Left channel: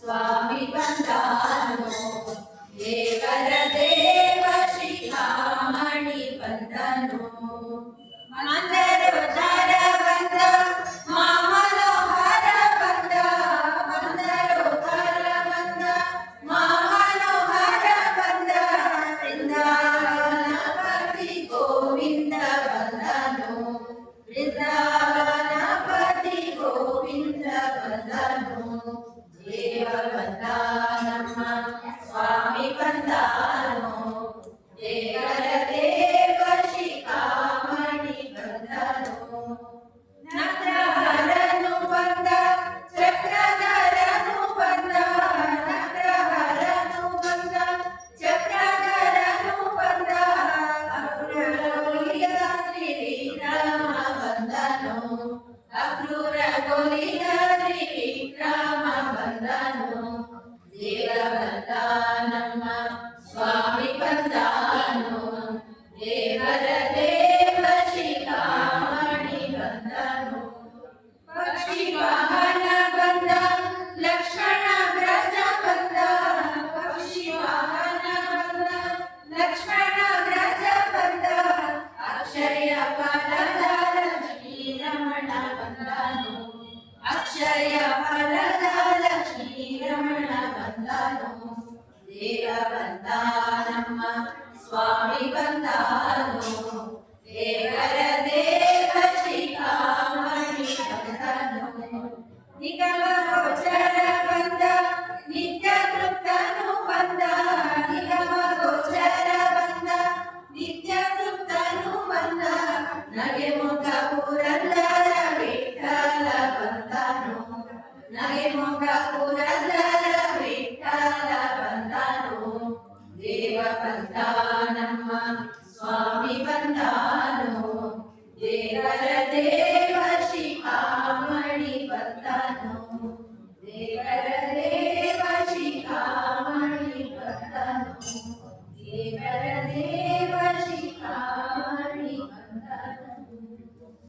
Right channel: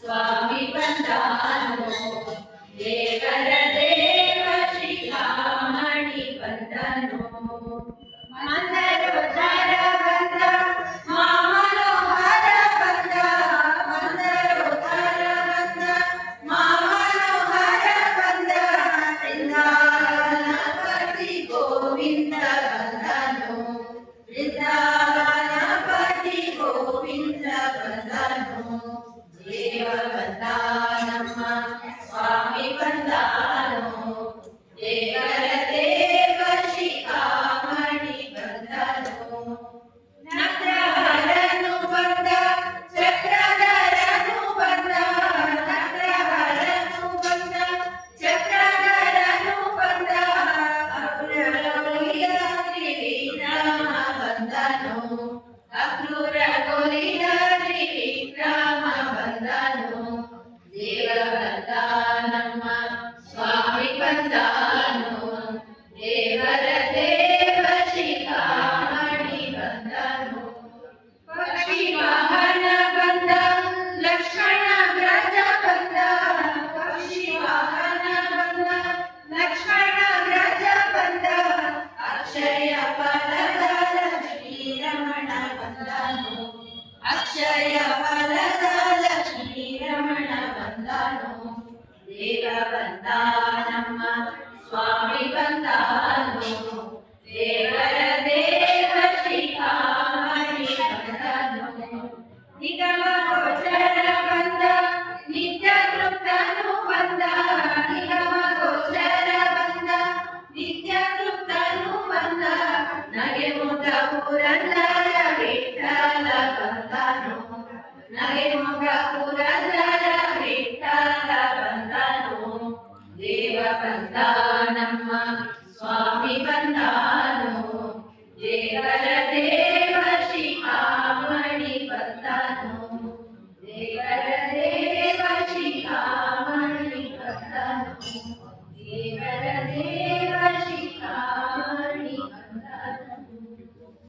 स्वामी पण्डानो देवर देव शिखामणि पण्डनो స్వామి బంధాను దేవర దేవ శ్రీకామణి బంధను నగ్రహరను బంధ చక్రధరను బంధ నగ్రహరను బంధ. చక్రధరను బంధ అక్రూర త్రివిక్రమ ರಮಣ ಬಂದನು ಅಕ್ಷಯ ಫಲದ ಲಕ್ಷ್ಮೀ ರಮಣ ಬಂದನು ದೇವ ಬಂದ ನಮ್ಮ ಸ್ವಾಮಿ ಬಂದನು. బంధానమ్మ స్వామి బంధాను ఏకల